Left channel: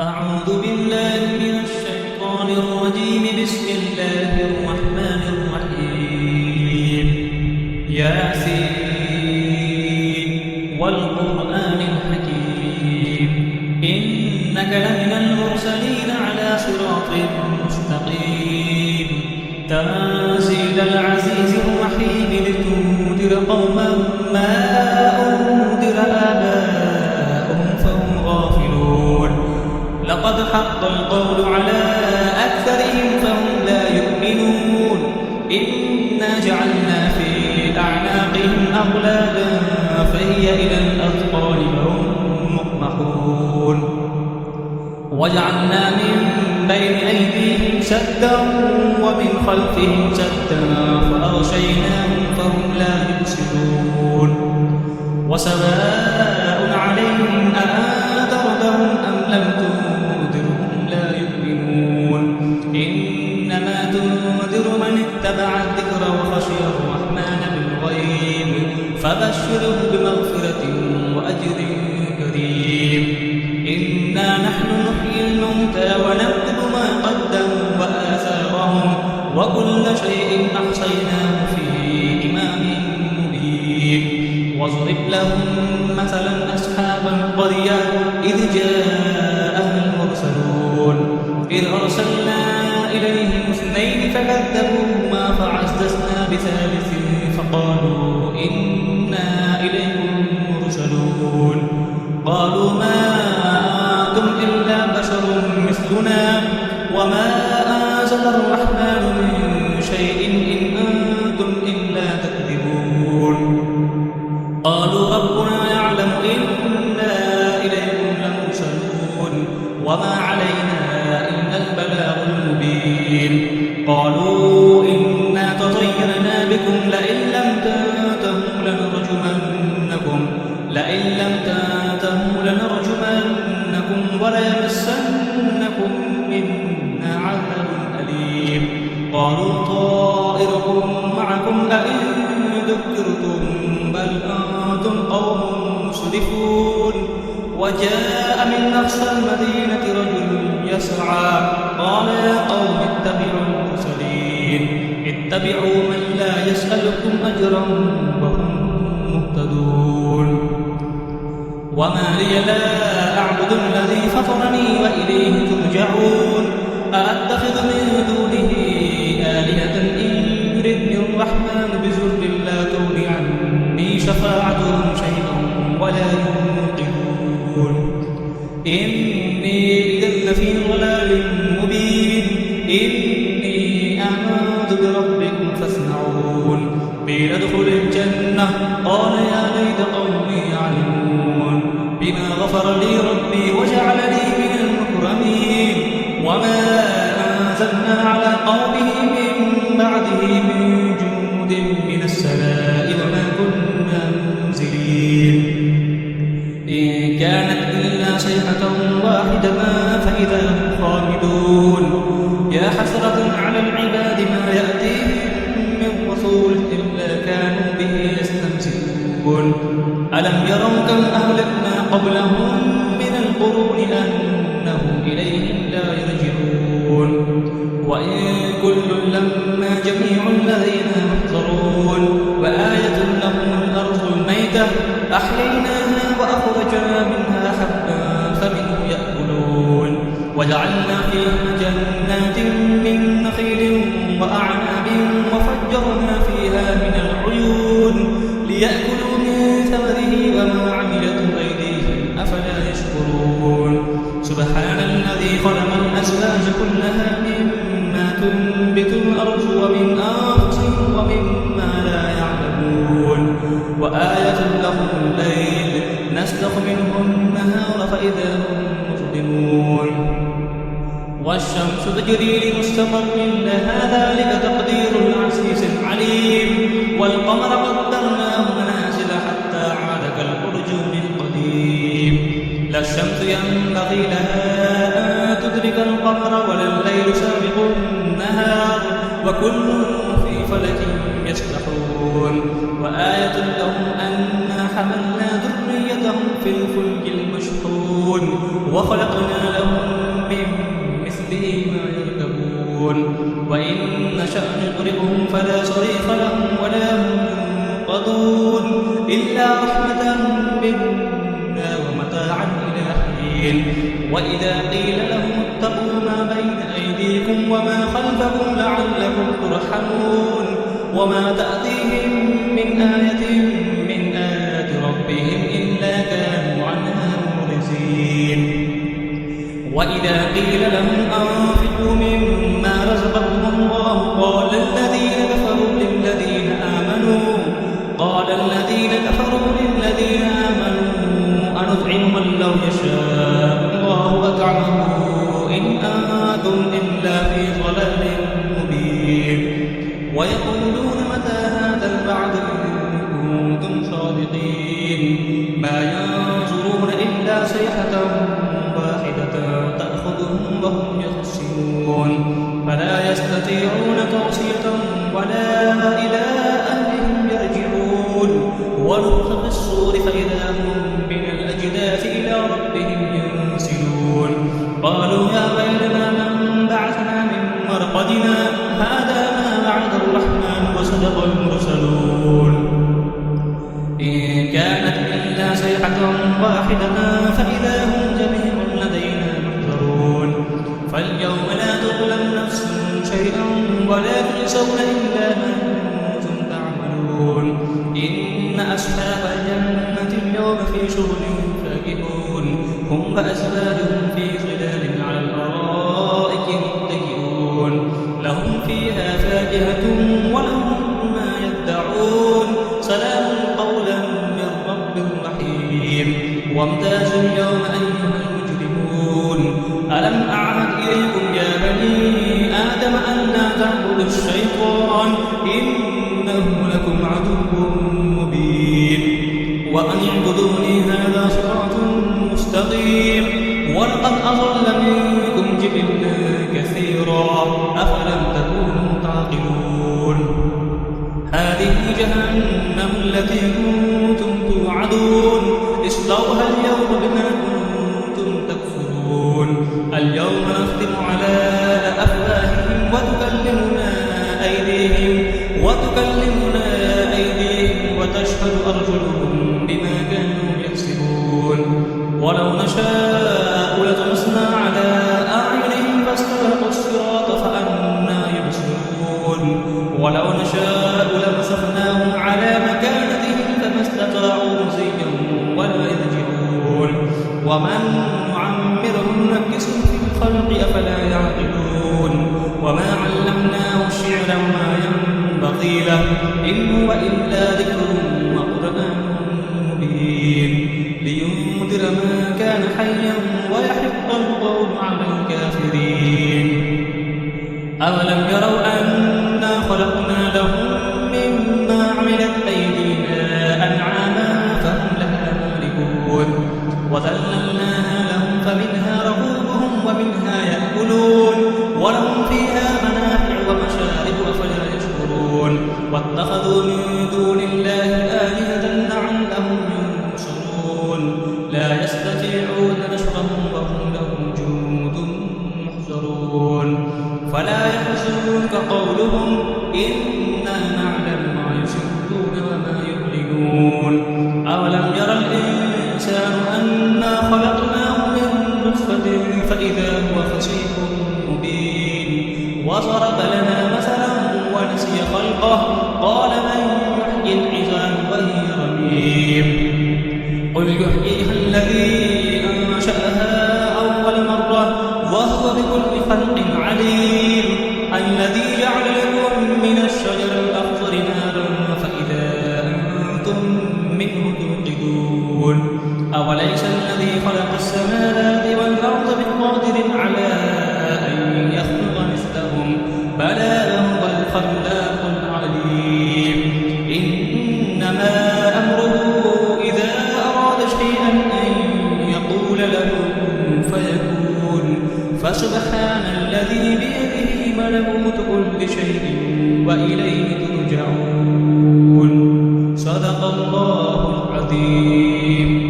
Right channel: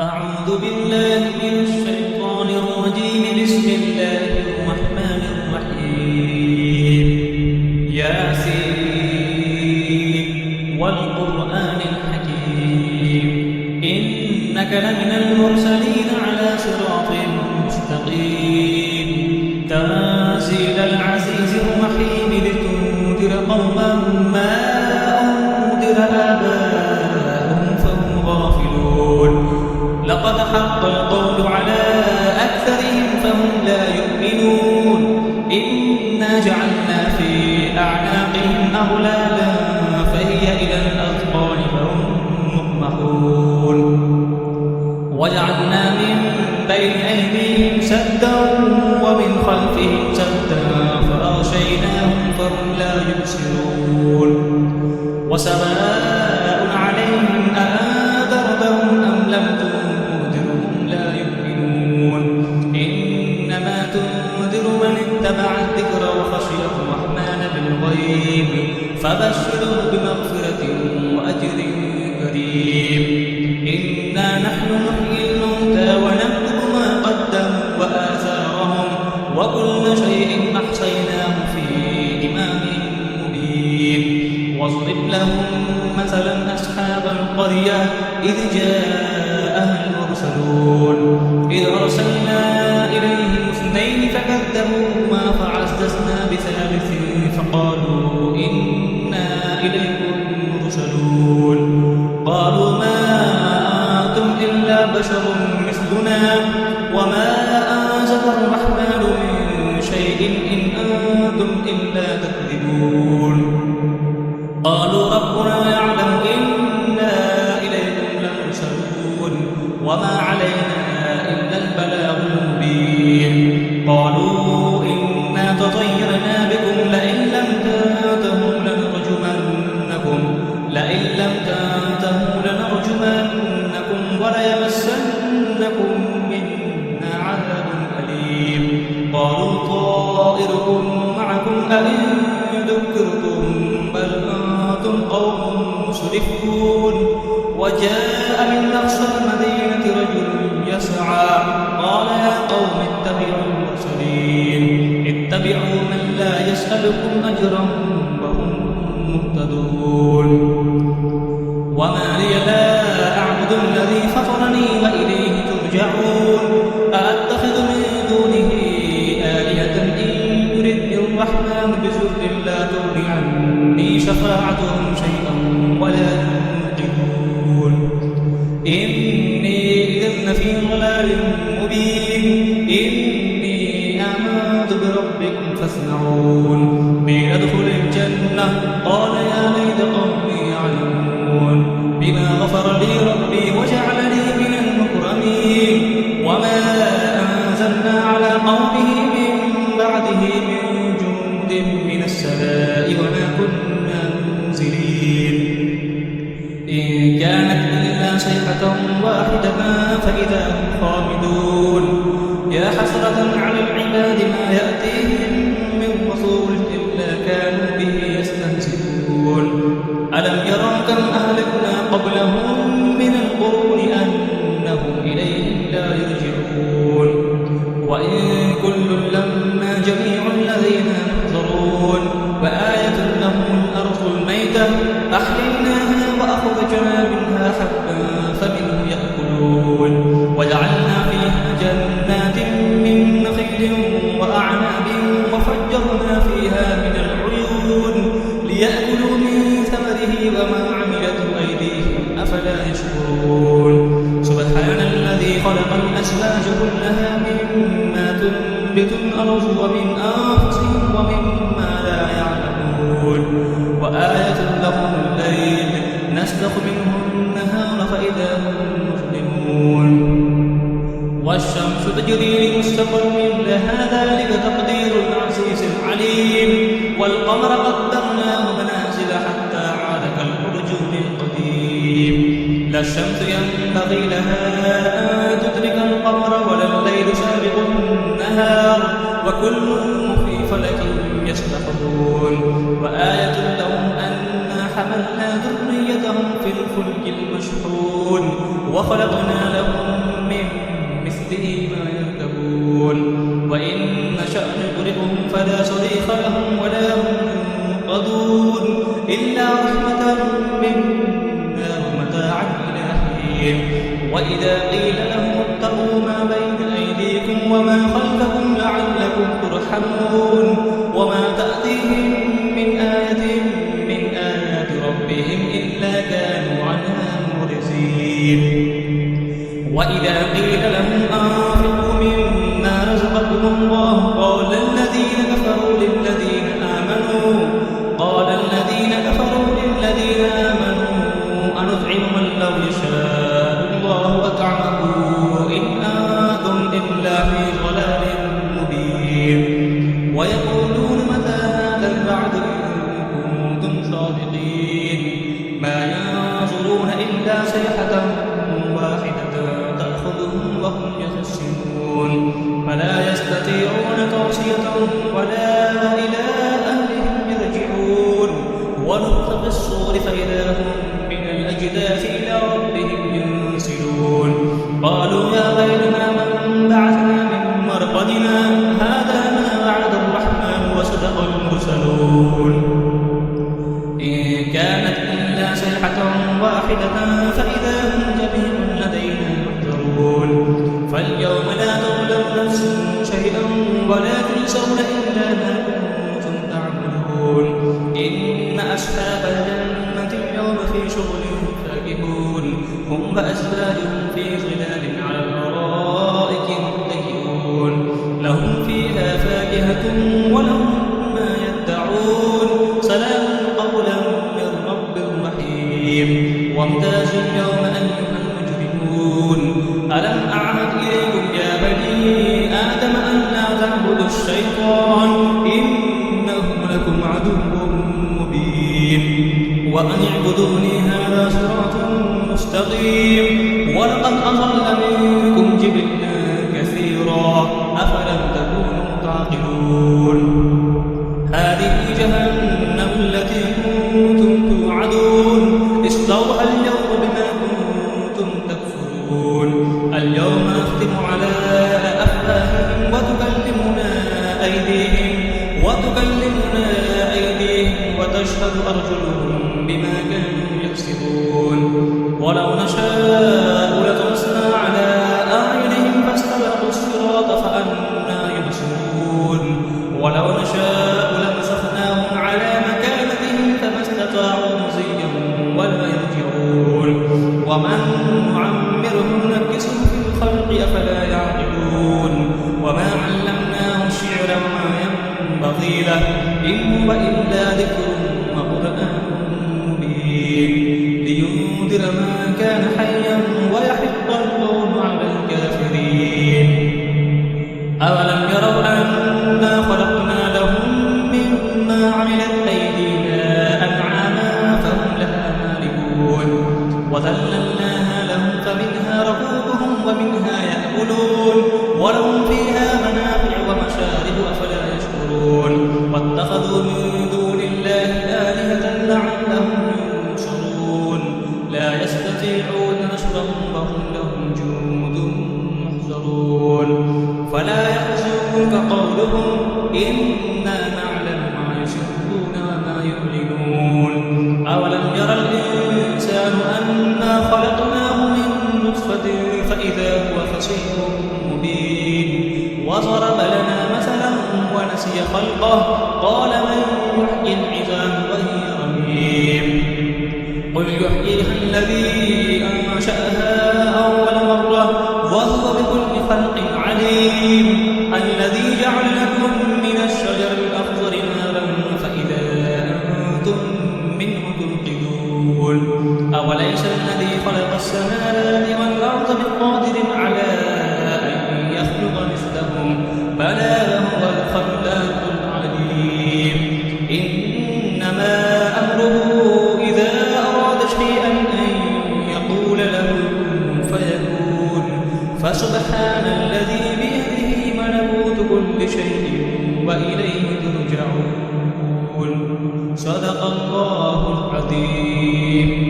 أعوذ بالله من الشيطان الرجيم. بسم الله الرحمن الرحيم. ياسين والقرآن الحكيم إنك لمن المرسلين على صراط مستقيم تنزيل العزيز الرحيم لتنذر قوما ما أنذر آباؤهم فهم غافلون. لقد حق القول على أكثرهم فهم لا يؤمنون. إنا جعلنا في أعناقهم أغلالا فهي إلى الأذقان فهم مقمحون. وجعلنا من بين أيديهم سدا ومن خلفهم سدا فأغشيناهم فهم لا يبصرون. وسواء عليهم أأنذرتهم أم لم تنذرهم لا يؤمنون. إنما تنذر من اتبع الذكر وخشي الرحمن بالغيب فبشره بمغفرة وأجر كريم. إنا نحن نحيي الموتى ونكتب ما قدموا وآثارهم وكل شيء أحصيناه في إمام مبين. واضرب لهم مثلا أصحاب القرية إذ جاءها المرسلون إذ أرسلنا إليهم اثنين فكذبوهما فعززنا بثالث فقالوا إنا إليكم مرسلون. قالوا ما أنتم إلا بشر مثلنا وما أنزل الرحمن من شيء إن أنتم إلا تكذبون. قالوا ربنا يعلم إنا إليكم لمرسلون وما علينا إلا البلاغ المبين. قالوا إنا تطيرنا بكم لئن لم تنتهوا لنرجمنكم وليمسنكم منا عذاب أليم. قالوا طائركم معكم أئن ذكرتم بل أنتم قوم مسرفون. وجاء من أقصى المدينة رجل يسعى قال يا قوم اتبعوا المرسلين اتبعوا من لا يسألكم أجرا وهم مهتدون. وما لي لا أعبد الذي فطرني وإليه ترجعون. أأتخذ من دونه آلهة إن يردني الرحمن بضر لا تغن عني شفاعتهم شيئا ولا ينقذون. إني إذا لفي ضلال مبين. إني آمنت بربكم فاسمعون. قيل ادخل الجنة قال يا ليت قومي يعلمون بما غفر لي ربي وجعلني من المكرمين. وما أنزلنا على قومه من بعده من جند من السماء وما كنا منزلين. إن كانت إلا صيحة واحدة فإذا هم خامدون. يا حسرة على العباد ما يأتيهم من رسول إلا كانوا به يستهزئون. ألم يروا كم أهلكنا قبلهم من القرون أنهم إليهم لا يرجعون. وإن كل لما جميع لدينا محضرون. وآية لهم الأرض الميتة أحييناها وأخرجنا منها حبا فمنه يأكلون. وجعلنا فيها جنات من نخيل وأعناب وفجرنا فيها من العيون ليأكلوا من ثمره وما عملته أيديهم أفلا يشكرون. سبحان الذي خلق الأزواج كلها مما تنبت الأرض ومن أنفسهم ومما لا يعلمون. وآية لهم الليل نسلخ منه النهار فإذا هم مظلمون. والشمس تجري لمستقر لها ذلك تقدير العزيز العليم. والقمر قدرناه منازل حتى عاد كالأرجون القديم. لا الشمس ينبغي لها أن تدرك القمر ولا الليل سابق النهار وكل في فلك يسبحون. وآية لهم أنا حملنا ذريتهم في الفلك المشحون وخلقنا لهم به ما يركبون وإن نشأ نغرقهم فلا صريخ لهم ولا هم ينقذون إلا رحمة منا ومتاعا إلى حين وإذا قيل لهم اتقوا ما بين أيديكم وما خلفكم لعلكم ترحمون وما تأتيهم من آية من آيات ربهم إلا كانوا عنها معرضين وإذا قيل لهم أنفقوا مما رزقكم الله قال الذين كفروا للذين آمنوا أنطعم من لو يشاء الله أطعمه إن أنتم إلا في ضلال مبين ويقولون متى هذا الوعد إن كنتم صادقين ما ينظرون إلا صيحة واحدة تأخذهم وهم يخصمون فلا يستطيعون توصية ولا إلى أهلهم يرجعون ونفخ في الصور فإذا هم من الأجداث إلى ربهم ينسلون قالوا يا ويلنا من بعثنا من مرقدنا هذا ما وعد الرحمن وصدق المرسلون إن كانت إلا صيحة واحدة فإذا هم جميع لدينا محضرون فاليوم لا تظلم نفس شيئا ولا تجزون إلا ما كنتم تعملون إن أصحاب الجنة اليوم في شغل فاكهون هم وأزواجهم في ظلال على الأرائك متكئون لهم فيها فاكهة ولهم ما يدعون سلام قولا من رب رحيم وامتازوا اليوم أيها المجرمون ألم أعهد إليكم يا بني آدم أن لا تعبدوا الشيطان إنه لكم عدو مبين وأن اعبدوني هذا صراط مستقيم ولقد أضل منكم جبلا كثيرا أفلم تكونوا تعقلون هذه جهنم التي كنتم توعدون اصلوها اليوم بما كنتم تكفرون اليوم نختم على أفواههم وتكلمنا أيديهم وتشهد أرجلهم بما كانوا يكسبون ولو نشاء لطمسنا على أعينهم فاستبقوا الصراط فأنى يبصرون ولو نشاء لمسخناهم على مكانتهم فما استطاعوا مزيا ولا يرجعون ومن نعمره ننكسه في الخلق أفلا يعقلون وما علمناه الشعر وما ينبغي له إن هو إلا ذكر وقرآن مبين لينذر ما كان حيا ويحق القول على الكافرين أولم يروا أنا خلقنا لهم مما عملت أيدينا أنعاما فهم لها مالكون وذللناها لهم فمنها ركوبهم ومنها يأكلون ولهم فيها منافع ومشارب أفلا يشكرون واتخذوا من دون الله آلهة لعلهم ينصرون لا يستطيعون نصرهم وهم لهم جند محضرون فلا يحزنك قولهم إنا نعلم ما يسرون وما يعلنون أولم يرى الإنسان أنا خلقناه من نطفة فإذا هو خصيم مبين وضرب لنا مثلا ونسي خلقه قال من يحيي العظام وهي رميم قل يحييها الذي أنشأها أول مرة وهو بكل خلق عليم الذي جعل لكم من الشجر الأخضر نارا فإذا أنتم منه توقدون أوليس الذي خلق السماوات والأرض بقادر على أن يخلق مثلهم بلى هو الخلاق العليم إنما أمره إذا أراد شيئا أن يقول له كن فيكون فسبحان الذي بيده ملكوت كل شيء وإليه ترجعون صدق الله العظيم